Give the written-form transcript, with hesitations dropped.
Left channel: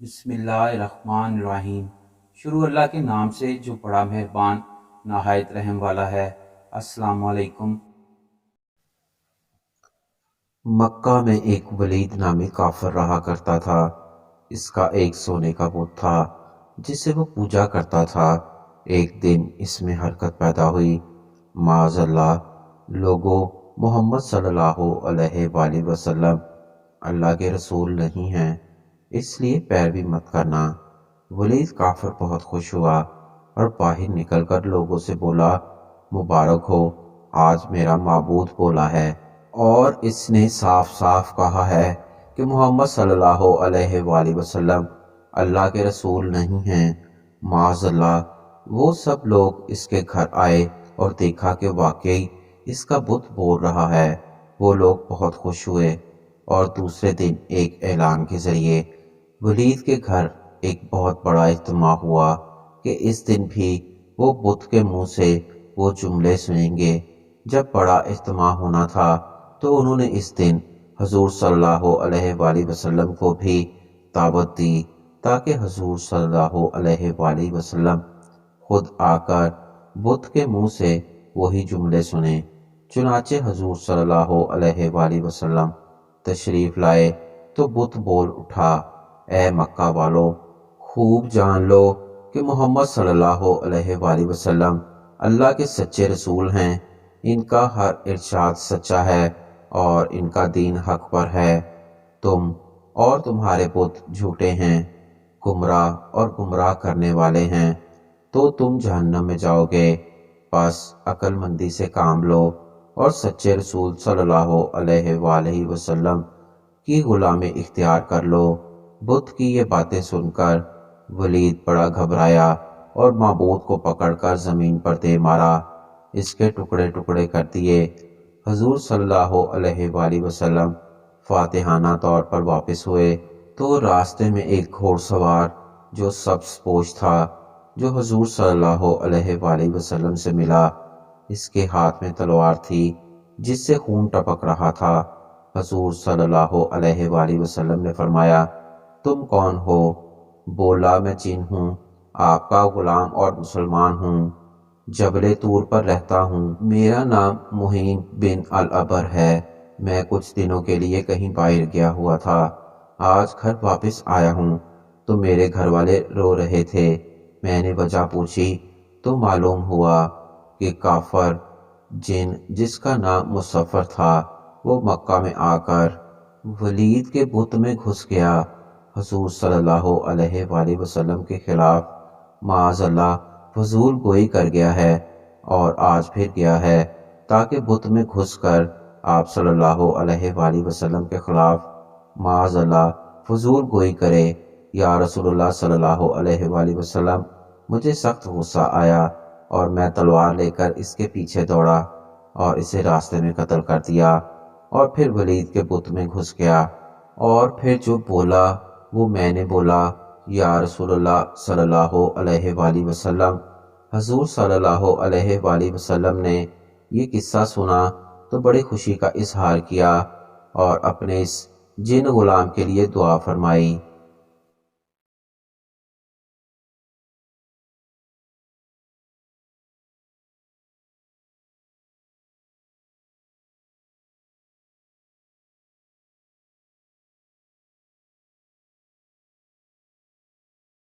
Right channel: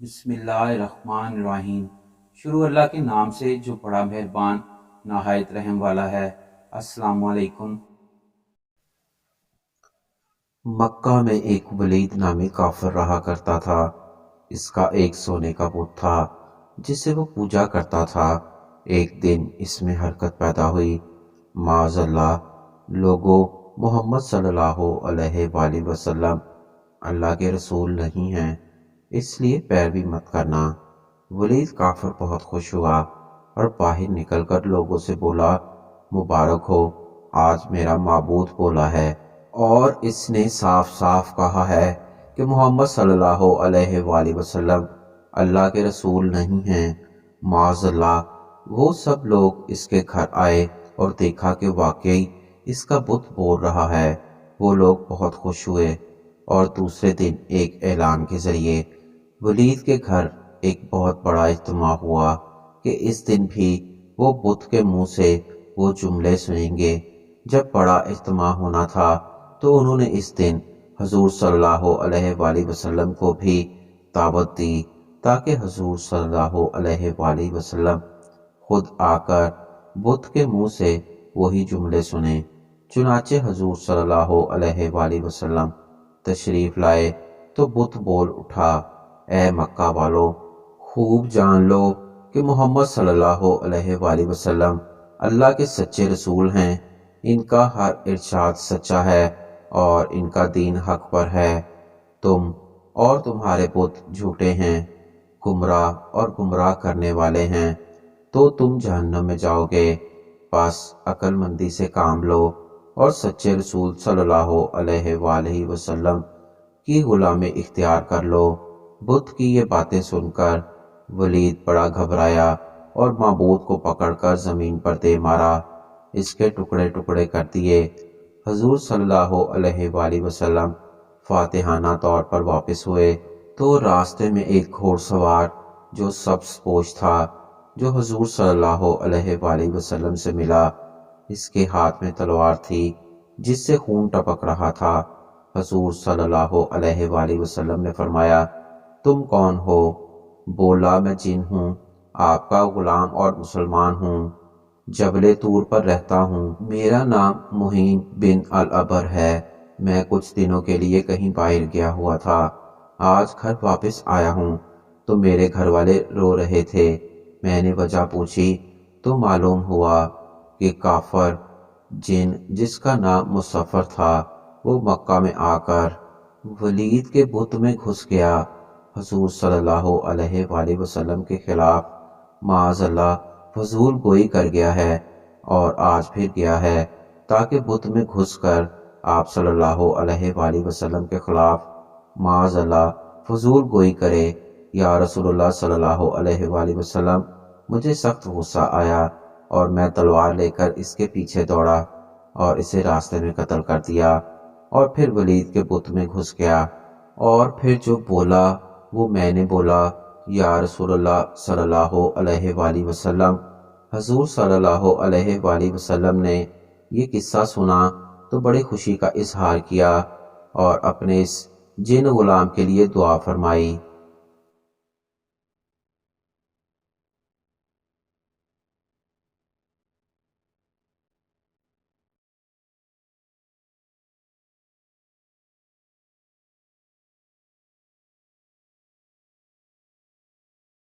بسم اللہ الرحمن الرحیم۔ شروع اللہ کے نام سے جو بڑا مہربان نہایت رحم والا ہے۔ السلام علیکم۔ مکہ میں ایک ولید نامی کافر رہا کرتا تھا۔ اس کا ایک سونے کا بت تھا جسے وہ پوجا کرتا تھا۔ ایک دن اس میں حرکت پیدا ہوئی، معاذ اللہ، لوگوں، محمد صلی اللہ علیہ وآلہ وسلم اللہ کے رسول نہیں ہیں، اس لیے پیروی مت کرنا۔ ولید کافر بہت خوش ہوا اور باہر نکل کر لوگوں سے بولا، مبارک ہو، آج میرا معبود بولا ہے اور اس نے صاف صاف کہا ہے کہ محمد صلی اللہ علیہ وآلہ وسلم اللہ کے رسول نہیں ہیں۔ معاذ اللہ، وہ سب لوگ اس کے گھر آئے اور دیکھا کہ واقعی اس کا بت بول رہا ہے۔ وہ لوگ بہت خوش ہوئے اور دوسرے دن ایک اعلان کے ذریعے ولید کے گھر ایک بہت بڑا اجتماع ہوا کہ اس دن بھی وہ بت کے منہ سے وہ جملے سنیں گے۔ جب بڑا اجتماع ہونا تھا تو انہوں نے اس دن حضور صلی اللہ علیہ وآلہ وسلم کو بھی دعوت دی تاکہ حضور صلی اللہ علیہ وآلہ وسلم خود آ کر بت کے منہ سے وہی جملے سنیں۔ چنانچہ حضور صلی اللہ علیہ وآلہ وسلم تشریف لائے تو بت بول اٹھا، اے مکہ والو، خوب جان لو کہ محمد صلی اللہ علیہ وآلہ وسلم اللہ کے سچے رسول ہیں۔ ان کا ہر ارشاد سچا ہے اور ان کا دین حق پر ہے۔ تم اور تمہارے بت جھوٹے ہیں، گمراہ اور گمراہ کرنے والے ہیں، تو تم جہنم میں جاؤ گے۔ بس عقل مندی سے کام لو اور سچے رسول صلی اللہ علیہ وآلہ وسلم کی غلامی اختیار کر لو۔ بت کی یہ باتیں سن کر ولید بڑا گھبرایا اور معبود کو پکڑ کر زمین پر دے مارا، اس کے ٹکڑے ٹکڑے کر دیے۔ حضور صلی اللہ علیہ وآلہ وسلم فاتحانہ طور پر واپس ہوئے تو راستے میں ایک گھوڑ سوار جو سبز پوش تھا، جو حضور صلی اللہ علیہ وآلہ وسلم سے ملا، اس کے ہاتھ میں تلوار تھی جس سے خون ٹپک رہا تھا۔ حضور صلی اللہ علیہ وآلہ وسلم نے فرمایا، تم کون ہو؟ بولا، میں جن ہوں، آپ کا غلام اور مسلمان ہوں، جبل طور پر رہتا ہوں، میرا نام مہین بن العبر ہے۔ میں کچھ دنوں کے لیے کہیں باہر گیا ہوا تھا، آج گھر واپس آیا ہوں تو میرے گھر والے رو رہے تھے۔ میں نے وجہ پوچھی تو معلوم ہوا کہ کافر جن جس کا نام مصفر تھا وہ مکہ میں آ کر ولید کے بت میں گھس گیا، حضور صلی اللہ علیہ وآلہ وسلم کے خلاف معاذ اللہ فضول گوئی کر گیا ہے اور آج پھر گیا ہے تاکہ بت میں گھس کر آپ صلی اللہ علیہ وآلہ وسلم کے خلاف معاذ اللہ فضول گوئی کرے۔ یا رسول اللہ صلی اللہ علیہ وآلہ وسلم، مجھے سخت غصہ آیا اور میں تلوار لے کر اس کے پیچھے دوڑا اور اسے راستے میں قتل کر دیا اور پھر ولید کے بت میں گھس گیا، اور پھر جو بولا وہ میں نے بولا۔ یا رسول اللہ صلی اللہ علیہ وآلہ وسلم۔ حضور صلی اللہ علیہ وآلہ وسلم نے یہ قصہ سنا تو بڑی خوشی کا اظہار کیا اور اپنے اس جن غلام کے لیے دعا فرمائی۔